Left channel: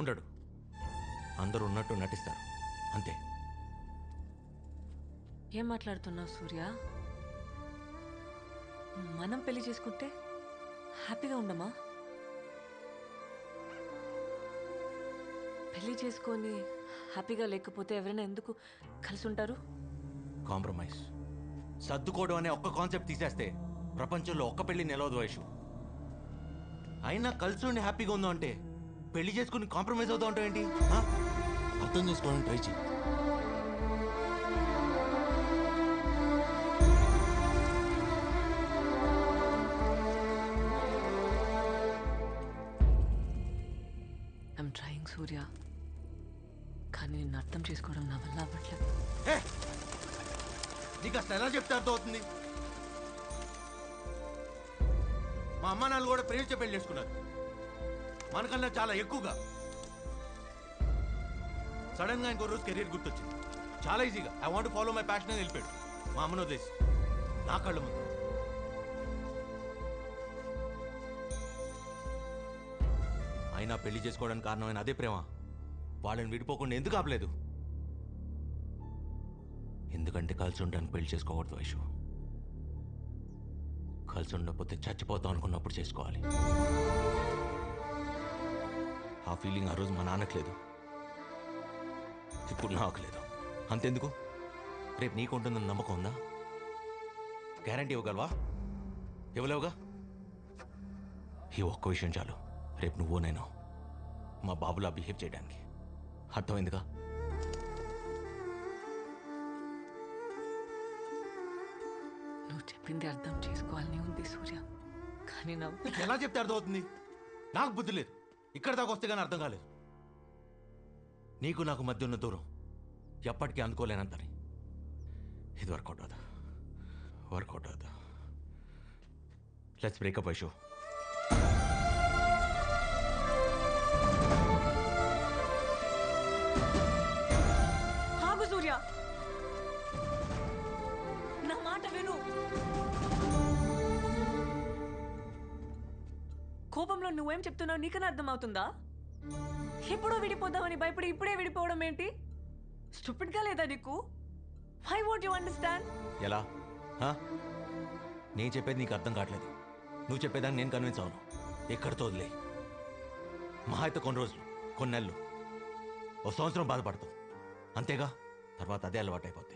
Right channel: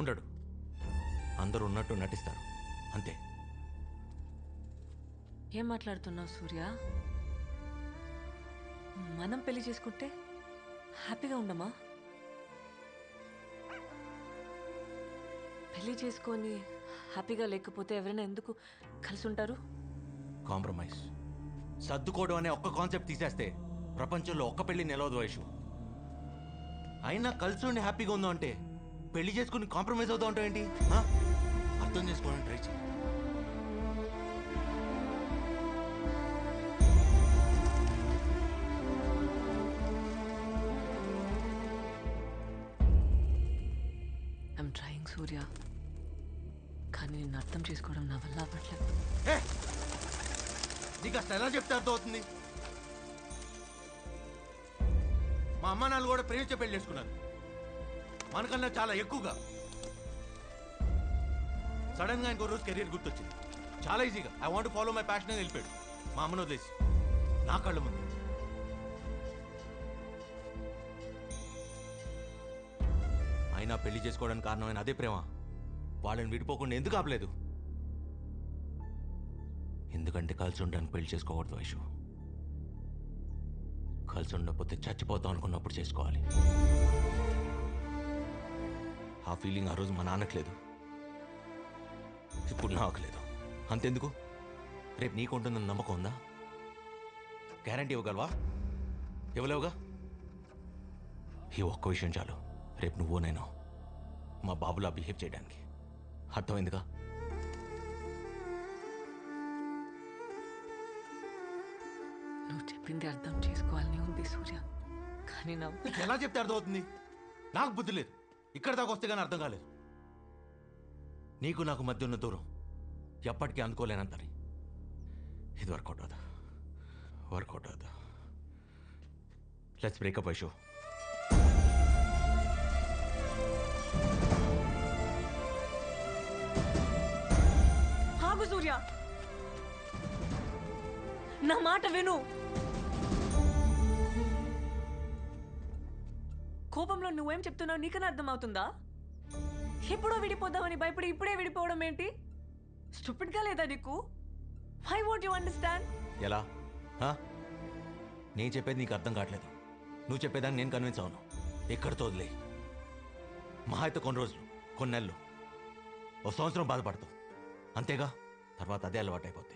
ఉండడు. అందరూ ఉన్నట్టు నటిస్తారు అంతే. ఏం మాట్లాడుతున్నావు సూర్య? మనం పెళ్లి చేసుకుంటే హ్యాపీగా ఉండమా? పెళ్లి చేసుకొని హ్యాపీగా లేకపోతే ఎవరైనా ఎందుకు కలిసి ఉంటారు? కాంప్రమైజ్, సర్దుకోవడం అనే ఒక్క కాన్సెప్ట్ తీసేస్తే ప్రపంచంలో ఒక్క పెళ్లి నిలవదు వైషు. అయినా కలిసి ఉండి హ్యాపీగా ఉందో అంటే పెళ్లి చేసుకుని కాంప్రమైజ్ అవుతా ఉంటావు ఏంటి? అర్థం చేసుకోవడానికి ట్రై చేయి. ఐఎమ్ ట్రయింగ్ సూర్య, కానీ నిన్ను అర్థం చేసుకోవడం నా వల్ల అవ్వట్లేదు. నీకు అసలు ఎలా చెప్తే అర్థం అవుతుంది? మా అమ్మ నాన్న కూడా ప్రేమించే పెళ్లి చేసుకున్నారు, మనకన్నా చాలా ఎక్కువగా. సడన్ గా ఇంకో రోజు కెరీర్ గుర్తొచ్చింది. చాలా ఈజీగా I want follow my passion అని వెళ్ళిపోయాడు మా అమ్మను వదిలేసి నా కళ్ళ ముందు. అయినా పెళ్లి చేసుకోవడానికి కారణమైన అదే ప్రేమ వాళ్ళని విడిపోకుండా ఎందుకు ఆపలేదు? ఎందుకంటే కలిసి ఉండడానికి పెళ్లి చేసుకోకూడదు వైషు. కలిసి ఉండకపోతే చచ్చిపోతాం అనుకున్నప్పుడు చేసుకోవాలి. ఆ ఫీలింగ్ ఆ రోజు మా నాన్నకు లేదు, ఇప్పుడు నాకు లేదు. అంతెందుకు, రేపు నీకు ఉంటుందని నమ్మకం ఉందా? గ్యారంటీ ఇవ్వగలవా? ఇవ్వలేవుగా. ఈ ఒక్క విషయం చాలు, రేపు నువ్వు నేను మా బాబులా బిహేవ్ చేయడానికి. అర్థమైందిగా? నువ్వు చెప్పింది అర్థం చేసుకోవాలని ఉంది సూర్య, కానీ నా ఎలా చెప్తే అర్థం అవుతుంది? నాకు బుద్ధి లేదు, ఇక్కడ దాకా వస్తే కానీ అర్థం కాలేదు. నీకు నాకు మధ్య ఉన్న దూరం ఎప్పటికీ అందుకోలేనంతని. ఇది వర్కౌట్ అవుదా? వర్కౌట్ అవుదా? Let's break up Vaishu. ఆగు సూర్య, నా మాట విను. కోపంలో నువ్వేం చెప్తున్నావు నీకన్నా అర్థమవుతుందా? ఎప్పుడో విడిపోదామని భయపడి ఇప్పుడే విడిపోవడం ఏంటి? స్టూపిడ్ గా లేదా నీకు? Why won't you understand? ఎలా? హా? నేను చెప్పేది నీకు అర్థం కావట్లేదు. నువ్వు చెప్పేదాన్ని నేను కన్విన్స్ అవును. ఎక్కడితో వదిలే. మహా అయితే కొన్ని రోజులు, కొన్ని నెలలు, ఓ సంవత్సరం బాధపడతావు అంతేగా. తర్వాత అదే అలవాటు అయిపోద్ది.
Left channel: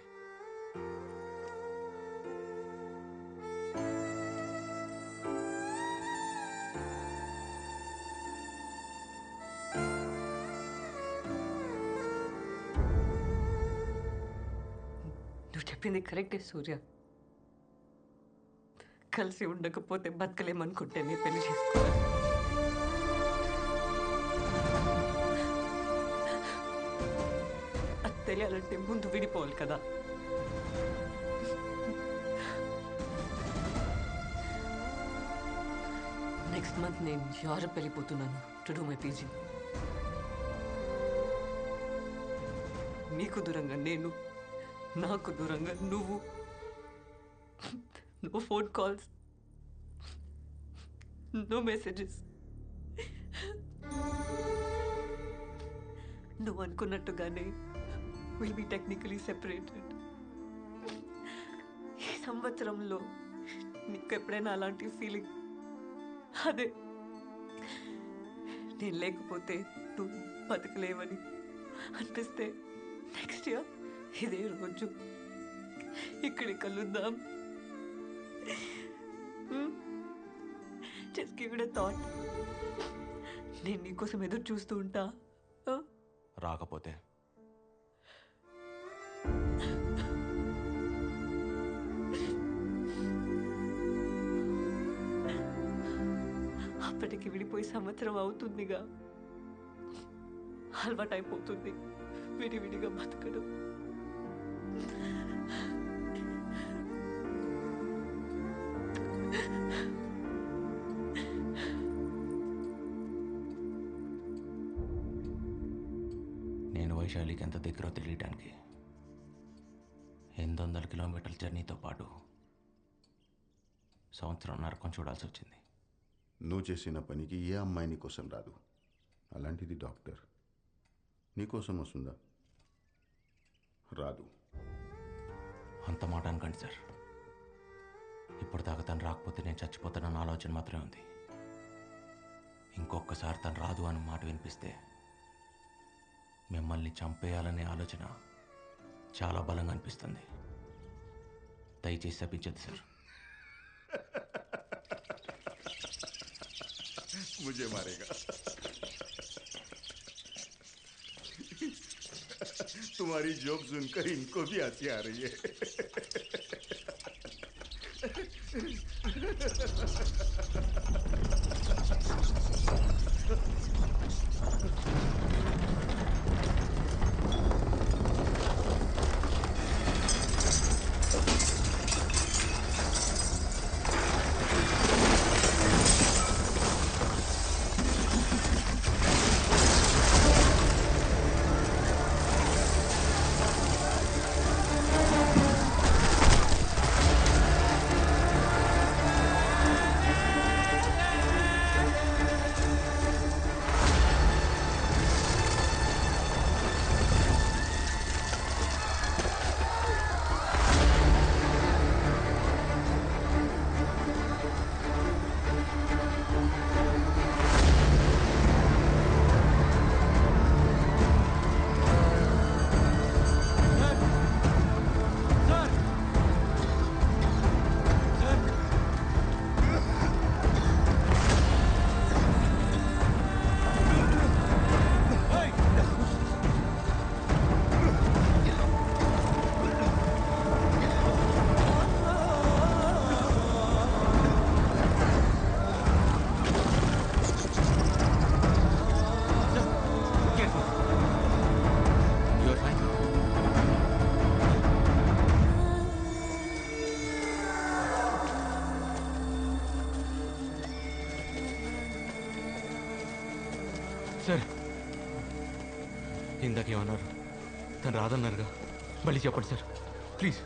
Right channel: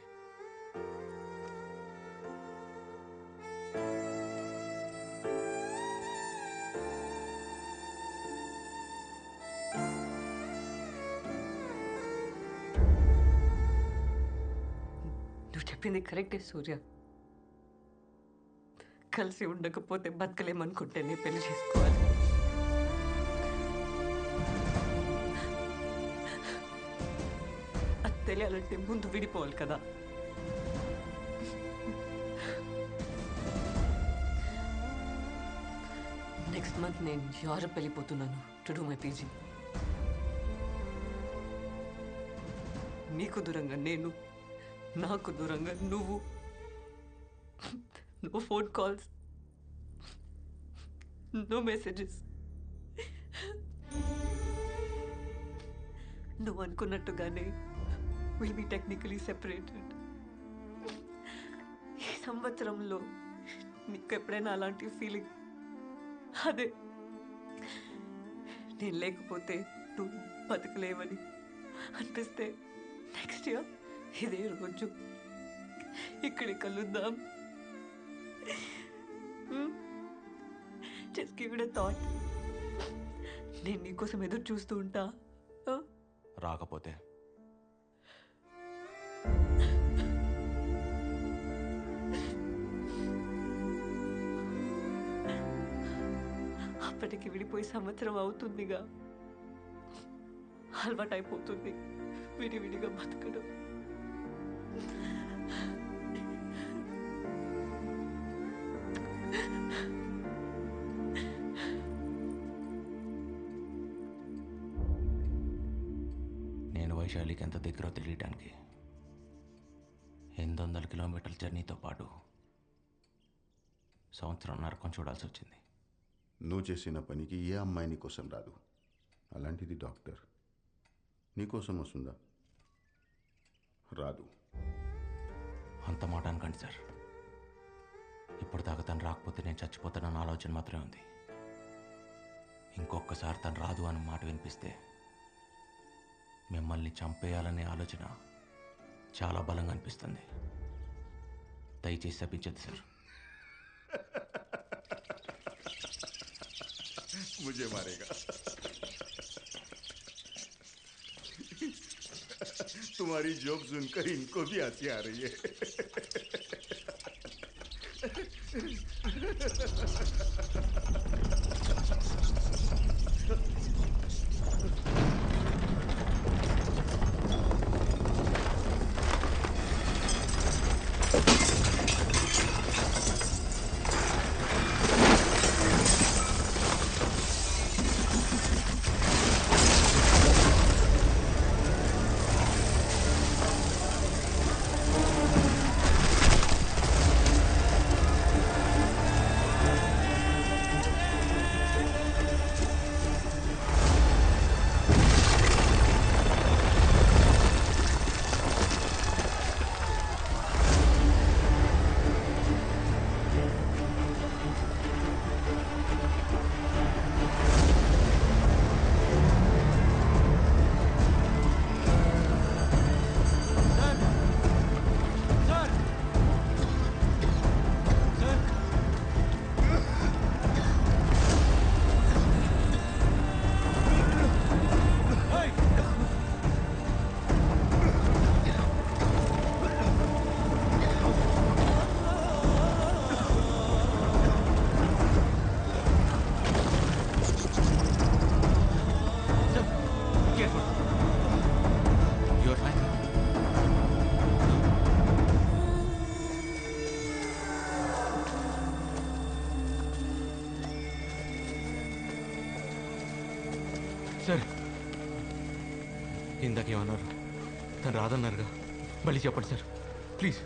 నువ్వు చెప్పింది కరెక్టే సూర్య. కలిసి ఉండకపోతే బతకలేమనుకుంటే నీ పెళ్లి చేసుకోవాలి. అది తెలియాలంటే ముందు విడిపోవాలి కదా. నెక్స్ట్ మంత్ నేను యూరప్ వెళ్ళిపోతున్నాను టు డూ మై పీజీ. నీకు దూరంగా నేను, నాకు దూరంగా నువ్వు. No phone calls, no messages. నువ్వు అనుకున్నట్టుగానే విల్ బి టెక్నికలీ సెపరేటెడ్. ఈ సంవత్సరంలో నీకు ఎప్పుడైనా అలాంటి ఫీలింగ్, అదే నేను లేకపోతే నువ్వు బతకలేవని అనిపిస్తే నెక్స్ట్ ఇయర్ ఇదే రోజు ఇక్కడి కలుద్దాం. Just give it a thought. నేను నీకోసం ఎదురు చూస్తూ ఉంటా. రాకపోతే అప్పటికి విడిపోయి సంవత్సరం అవుతుందిగా. అలవాటైపోతుంది విడివిడిగా బతకడం. నేను వైశాలికి ఎంత దగ్గర తెలియటానికి 800 కిలోమీటర్ల జర్నీతో పాటు సంవత్సరం నరకం చూడాల్సి వచ్చింది. నువ్వు చేసిన పనికి ఏ అమ్మాయి నీ కోసం రాదు. అలాంటిది డాక్టర్ నీకోసం వస్తుందా? రాదు. అంత మాట అనకండి సార్. ఇప్పటిదాకా తను రాకపోతే నేను చచ్చిపోతానన్న ఆలోచన మాత్రమే ఉంది. ఇంకొకసారి తను రాదు అన్న మాట వినిపిస్తే మిమ్మల్ని చంపేయాలనే ఆలోచన చాలా బలంగా అనిపిస్తుంది. దయచేసి శపించద్దు సార్. मुझे मारेगा. तुम्हारी जोक सुनकर इनको भी हंसी आ रही है. సార్ ఇందాకేమన్నారు? తను రాదన్నారుగా, మళ్ళీ చెప్పండి సార్ ప్లీజ్.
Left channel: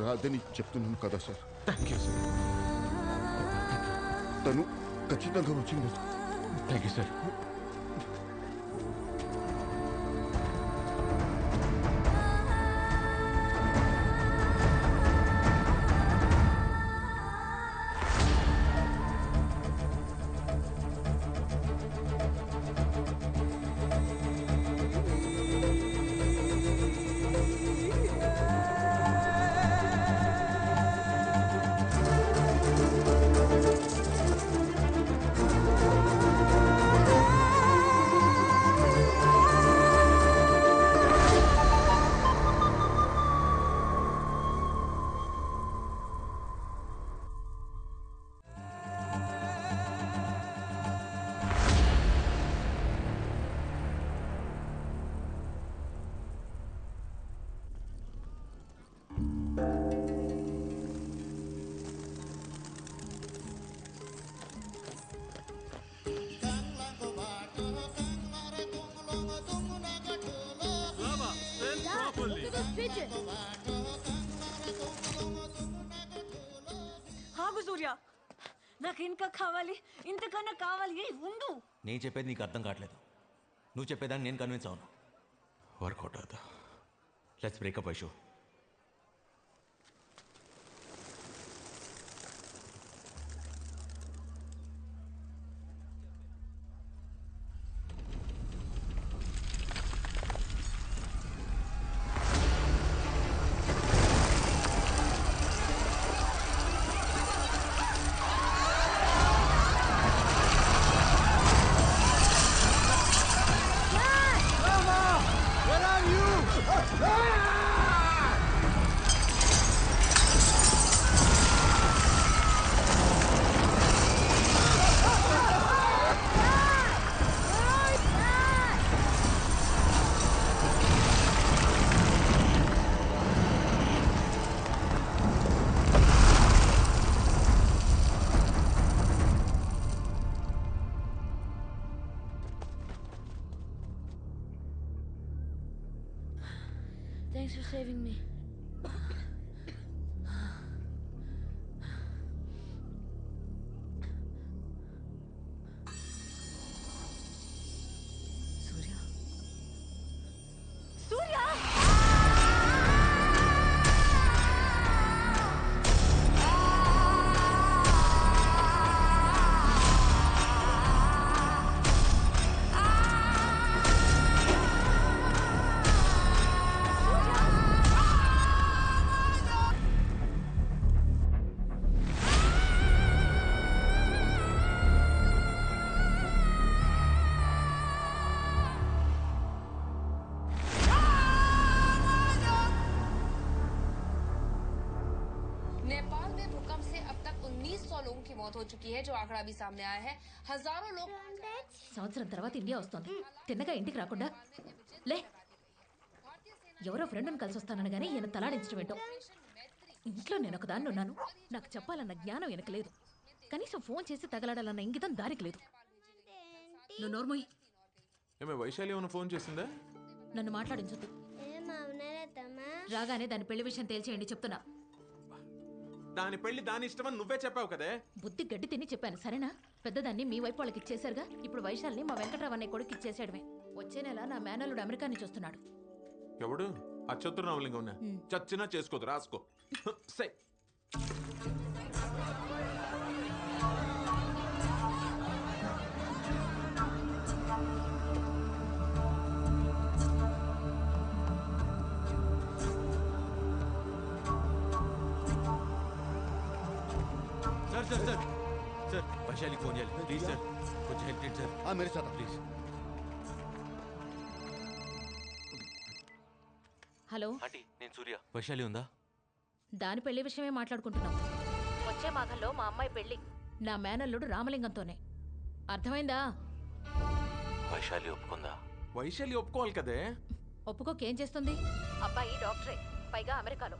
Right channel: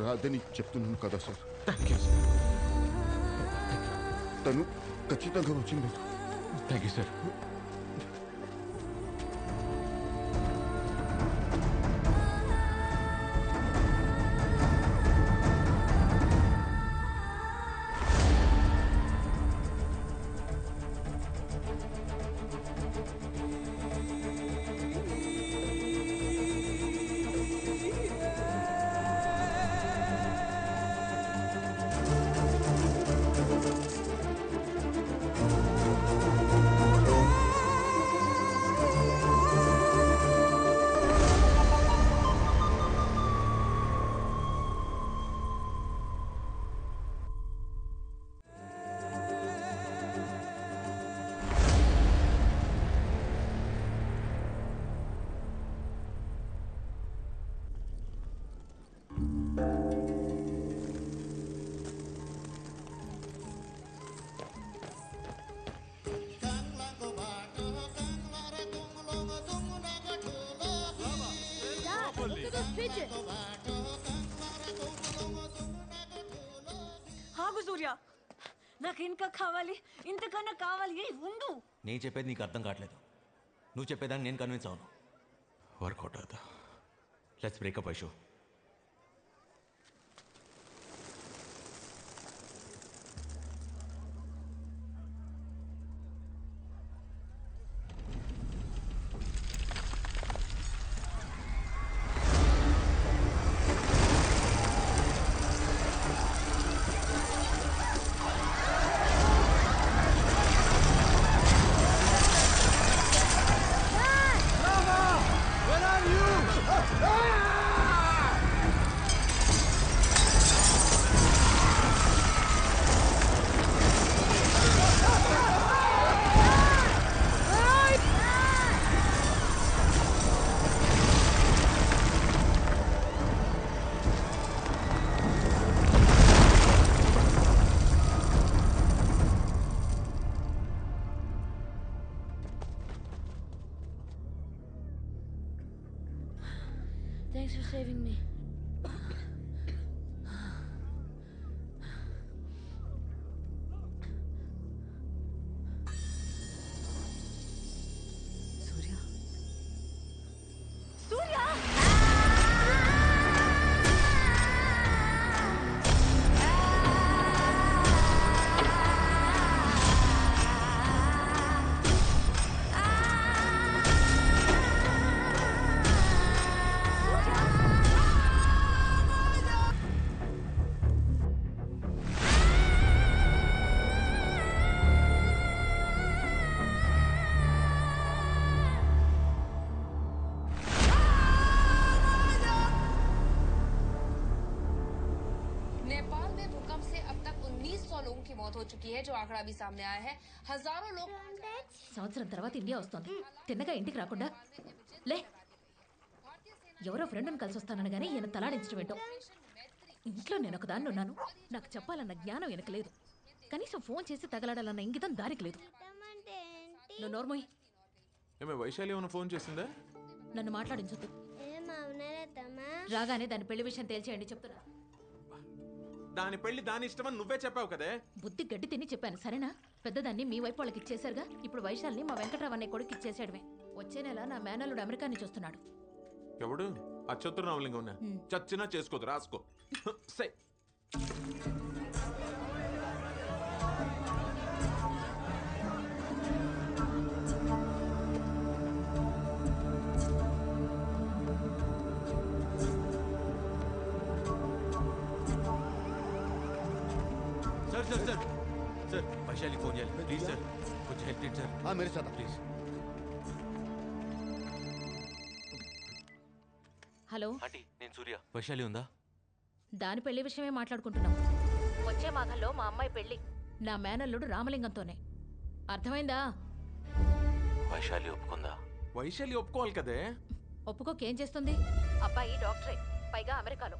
రాదని చెప్తున్నాను కదా సార్. Thank you sir. తను ఖచ్చితంగా వచ్చిండదు. Thank you sir. Look at those pigeons. ఆగు సూర్య, నాకు ఇంకా కావాలి, ఇంతకన్నా కావాలి. ఉండు. నేను చెప్పేది నీకు అర్థం కావట్లేదు. నువ్వు చెప్పేదాన్ని నేను కన్విన్స్ అవును. వర్కౌట్ అవుతా. Let's breakup Aishu. Thanks for saving me. भूकंप से अब तक 1900 लोगों की मौत हो चुकी है, जो आंकड़ा भी सामने आया है। हजारों लोग సంవత్సరం తర్వాత ఇండియా వస్తోంది. తిన్నగా ఇంటికి రాకుండా లే. ఎవరో ఫ్రెండ్ని కలిసి వస్తానని కానీ ఈయన తలాడించడం ఏంటో. ఇంట్లో నేను ఒకదాన్ని ఉన్నాను. నాకు చెప్పాలన్న జ్ఞానం వెనక లేదు. కనీసం ఫోన్ చేసి తగలాడాలన్న ఇంగితం దారికి లేదు. నువ్వు నోర్మోయ్. ఏమే వైశాలి ఏమైనా ఫోన్ చేసిందా? నన్ను మాట్లాడించొద్దు. రాగానే దాని పెళ్లి విషయం తేల్చేయండి చెప్తున్నా. దాని పెళ్లి దాని ఇష్టమని నువ్వే చెప్పావు కదే. బుద్ధి గడ్డి తిని చెప్పాను సరేనా? పెద్దదాన్ని మీ వైపు వాళ్ళకి ఇచ్చేశారుగా. ఇప్పుడు వైశాల్ని మా వెంకట్రావు అనే కొడుకు ఇచ్చేసాడమే. వచ్చే నెల నా మేనల్లుడు అమెరికా నుంచి వస్తున్నాడు. ఎవడు? ఆ చతుర్నామలింగం ఉన్నా చచ్చినా చేసుకోదు, రాసుకో. సై sir sir sir sir Vaishali phone చేయాలి ప్లీజ్ సార్ కొంచెం హెల్ప్ చేయండి సార్ हाँ मेरे साथ ప్లీజ్ హలో ఆంటీ నేను సూర్య వైశాలి ఉందా దాని పెళ్లి విషయమే మాట్లాడుకుంటున్నాం. వచ్చే మాఘంలో మా అమ్మాయి పెళ్లి నా మేనల్లుడు రామలింగంతోనే. అర్థమైందా? వైశాలి ఒప్పుకుందా వైశాలి ఒప్పుకోవాలి కదే. ఒప్పుకోకేం చేస్తుంది? అబ్బాయి డాక్టరే, పైగా అమెరికాలో.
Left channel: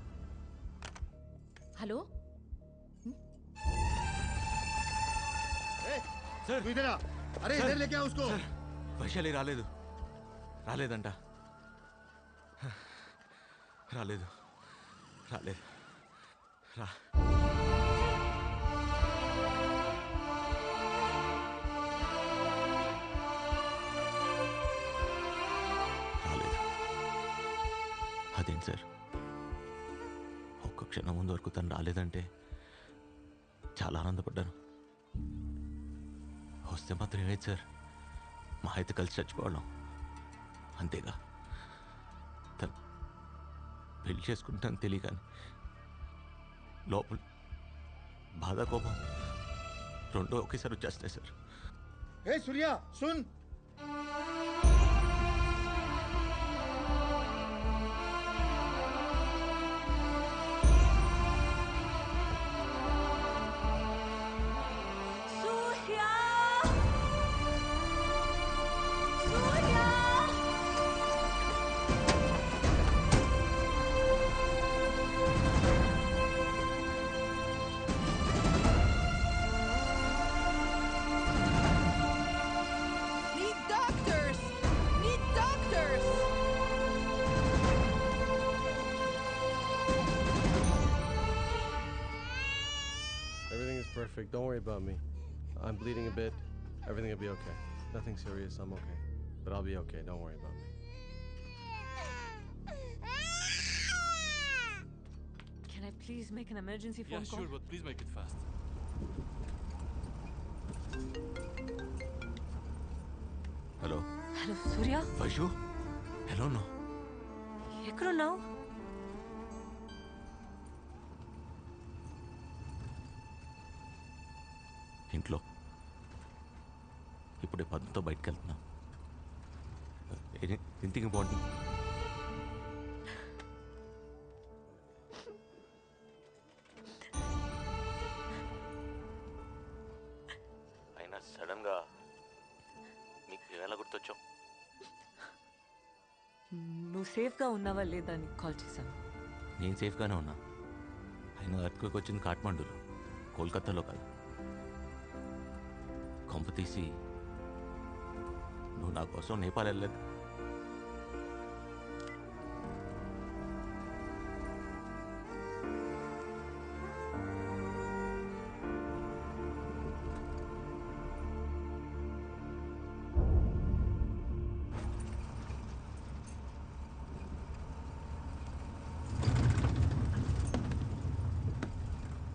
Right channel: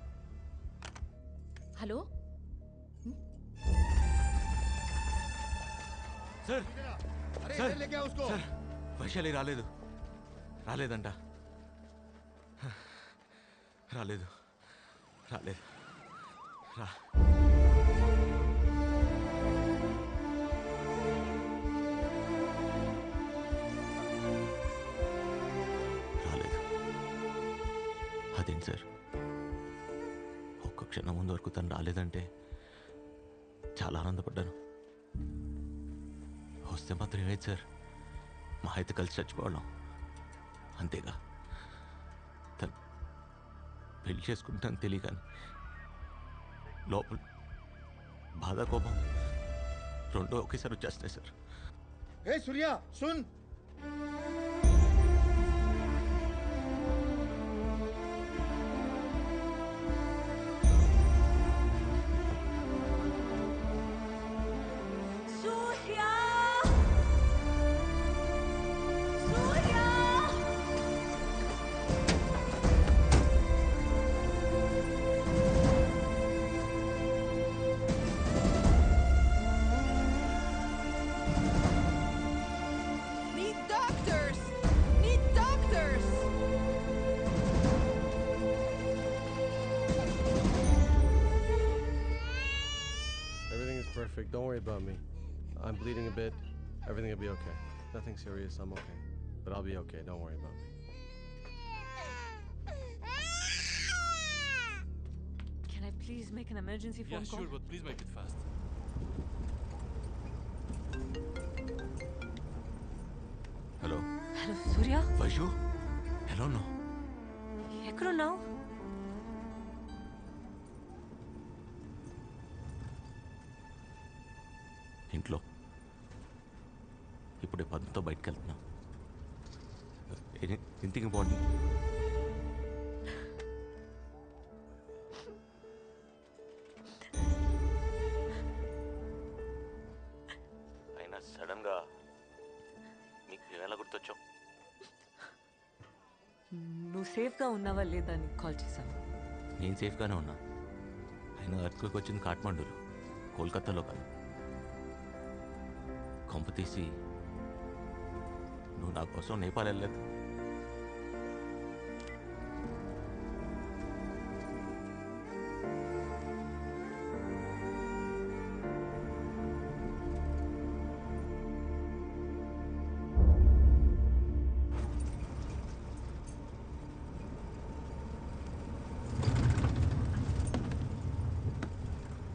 హలో సార్ इधर आ अरे सर, इधर लेके आओ उसको సార్ వైశాలి రాలేదంట రాలేదు రా రాలేదు. అదేంటి సార్ ఒక్క క్షణం ముందు వరకు తను రాలేదంటే చాలా ఆనందపడ్డాను. వస్తే మాత్రం ఏమైంది సార్, మా అయితే కలిసి చచ్చిపోవడం అంతేగా. తను పెళ్లి చేసుకుంటాను తెలియగాని లోపల బాధ కోపం రెండో ఒకేసారి వచ్చేస్తున్నాయి సార్. ए सूर्या सुन Surya Surya Need doctors! Need doctors! Everything is perfect. Don't worry about me. I'm bleeding a bit. Everything will be okay. Nothing serious. I'm okay. But I'll be okay. Don't worry about me. Can I please make an emergency phone call? but please make it fast. Hello hello Surya Vaishu ఎలా ఉన్నావు? ఎక్కడున్నావు? ఇంట్లో ఇప్పుడే పద్మతో బయటకు వెళ్తున్నా. Anything important? అయినా సడన్గా మీకు ఎలా గుర్తొచ్చావు? నువ్వు సేఫ్గా ఉన్నావా లేదా అని కాల్ చేశాను. నేను సేఫ్గానే ఉన్నా. అయినా ఎర్త్క్వేక్ వచ్చింది కాఠ్మండూలో, కోల్కతాలో కాదు. కొంప తీసి నువ్వు నా కోసం నేపాల్ వెళ్ళలేదు?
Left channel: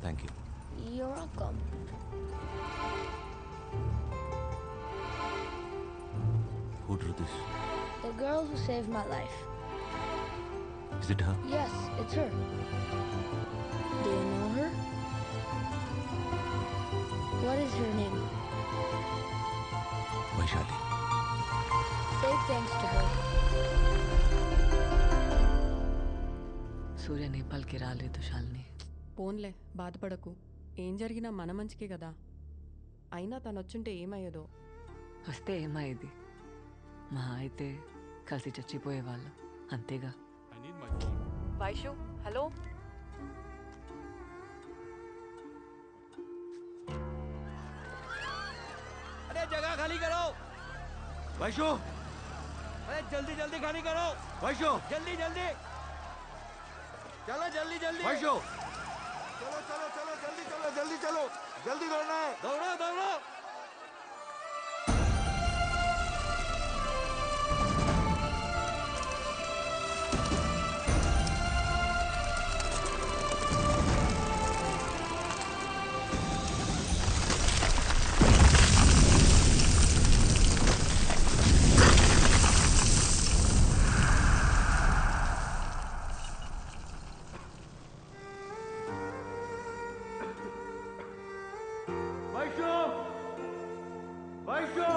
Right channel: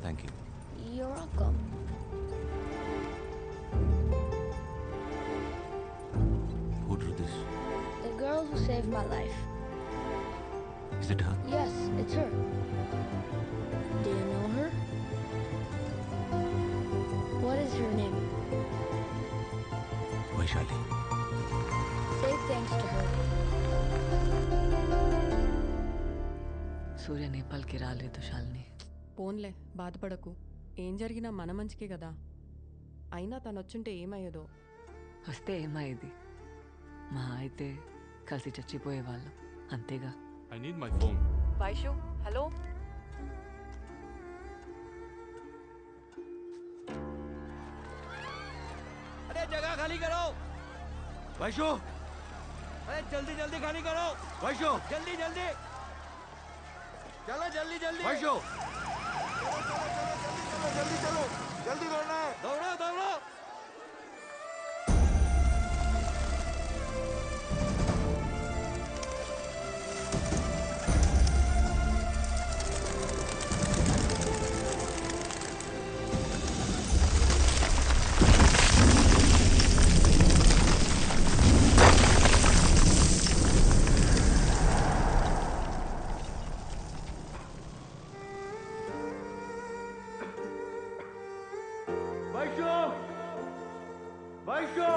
Thank you. You're welcome. Who drew this? The girl who saved my life. Is it her? Yes, it's her. Do you know her? What is her name? Vaishali. Say thanks to her. సూర్య నేపాల్కి రాలేదు శాలిని. పోన్లే బాధపడకు. ఏం జరిగినా మన మంచికే కదా. అయినా తను వచ్చుంటే ఏమయ్యేదో. వస్తే ఏమయ్యేది? మా అయితే కలిసి చచ్చిపోయేవాళ్ళం అంతేగా. I need my phone. Vaishu hello. अरे जगह खाली करो वैशु, अरे जल्दी जल्दी खाली करो वैशु, जल्दी जल्दी चलो जल्दी जल्दी वैशु, चलो चलो चलो जल्दी चलो जल्दी चलो जल्दी दौड़ना है, दौड़ो दौड़ो। वैशु वैशु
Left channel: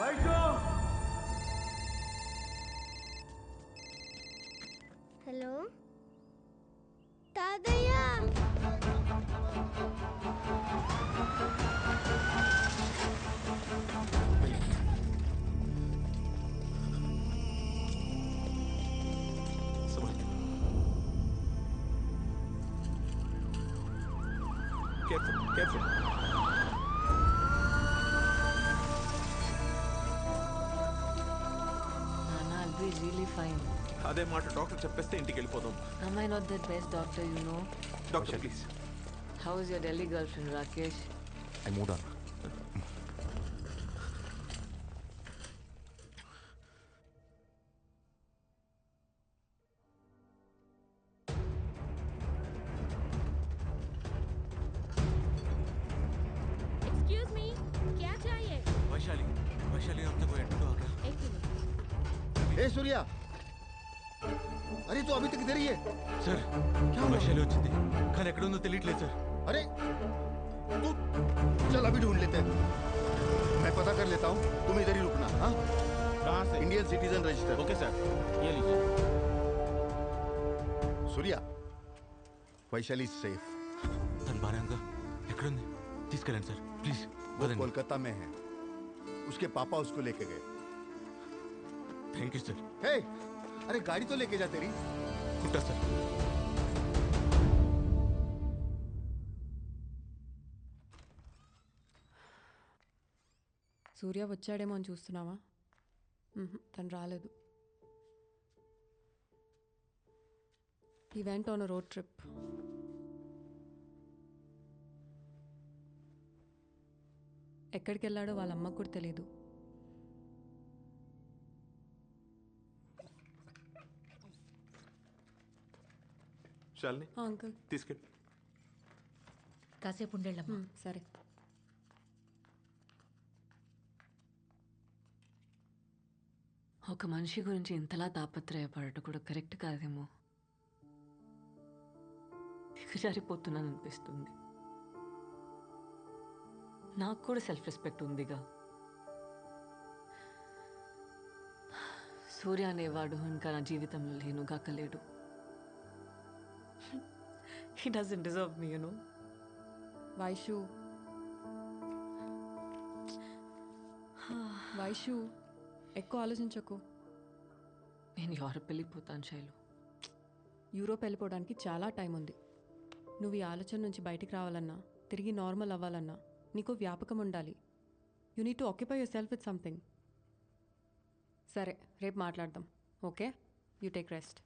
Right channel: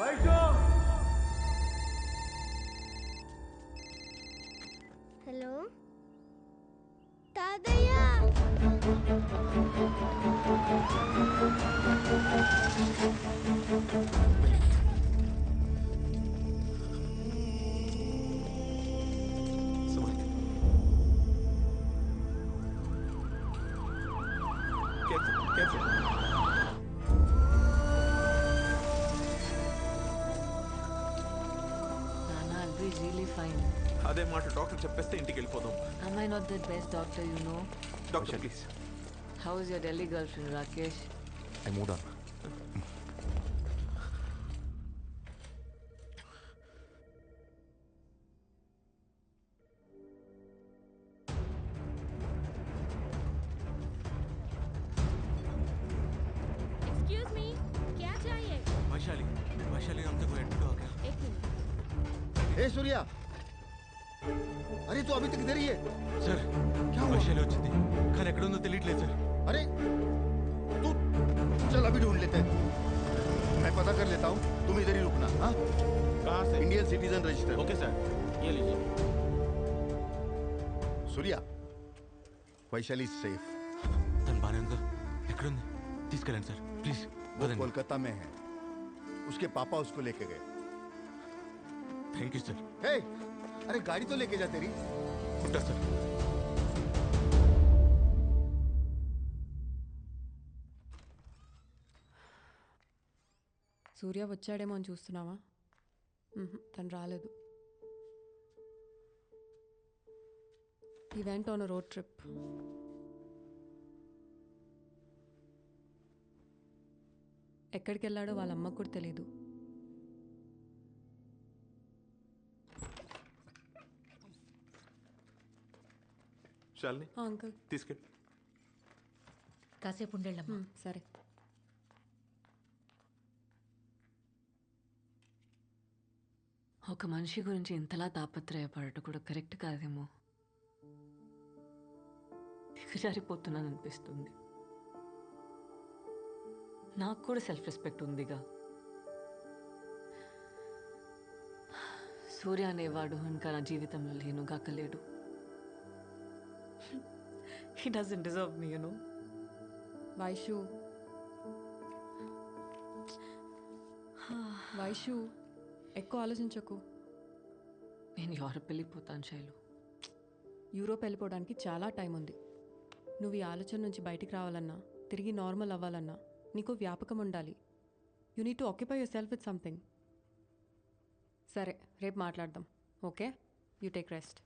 वैशु हेलो तादయ్య समझ careful careful. నాన్న I'll be really fine. అదే మాట డాక్టర్ చెప్పేస్తే ఇంటికి వెళ్ళిపోదాం. Am I not the best doctor you know? Doctor please. How is your Delhi girlfriend Rakesh? I moved on. Excuse me क्या चाहिए? वैशाली वैशाली हमसे कोई एडमिट हो गया? एक मिनट. ए सूर्या, अरे तू अभी तक इधर ही है? సార్ क्या हुआ? వైశాలి వచ్చింది కానీ ఎక్కడ ఉందో తెలియట్లేదు సార్. अरे तू चल अभी ढूंढ लेते हैं. मैं पता कर लेता हूँ, तुम इधर ही रुकना. हाँ, कहाँ से? Indian citizen register. Okay sir, ये लीजिए. सूर्या, वैशाली सेफ. తను బాగానే ఉందా? ఎక్కడుంది? తీసుకెళ్ళండి సార్ ప్లీజ్. वो कोलकाता में है. उसके पापा उसको लेके गए. Thank you sir. हे, अरे गाड़ी तो लेके जा तेरी. ఉంటా సార్. సూర్య వచ్చాడేమో అని చూస్తున్నావా? తను రాలేదు. ఈ వెంట ఆన్ రోడ్ ట్రిప్. ఎక్కడికి వెళ్ళాడో వాళ్ళ అమ్మకు కూడా తెలీదు. శాలిని అంకుల్ తీసుకెళ్ళి. కాసేపు ఉండేళ్ళమ్మా. సరే. ఒక మనిషి గురించి ఇంతలా తాపత్రయపడటం కూడా కరెక్ట్ కాదేమో. దిగజారిపోతున్నాను అనిపిస్తుంది. నాకు కూడా సెల్ఫ్ రెస్పెక్ట్ ఉందిగా. సూర్య అనేవాడు ఇంకా నా జీవితంలో లేనుగాకలేడు. He doesn't deserve me, you know. Vaishu Vaishu ఎక్కువ ఆలోచించకు. నేను యూరప్ వెళ్ళిపోతాను శైలు. యూరోప్ వెళ్ళిపోవడానికి చాలా టైం ఉంది. నువ్వు ఈ ఆలోచన నుంచి బయటికి రావాలన్నా, తిరిగి నార్మల్ అవ్వాలన్నా నీకు వ్యాపకం ఉండాలి. You need to occupy your self with something. సరే, రేపు మాట్లాడదాం. Okay, you take rest.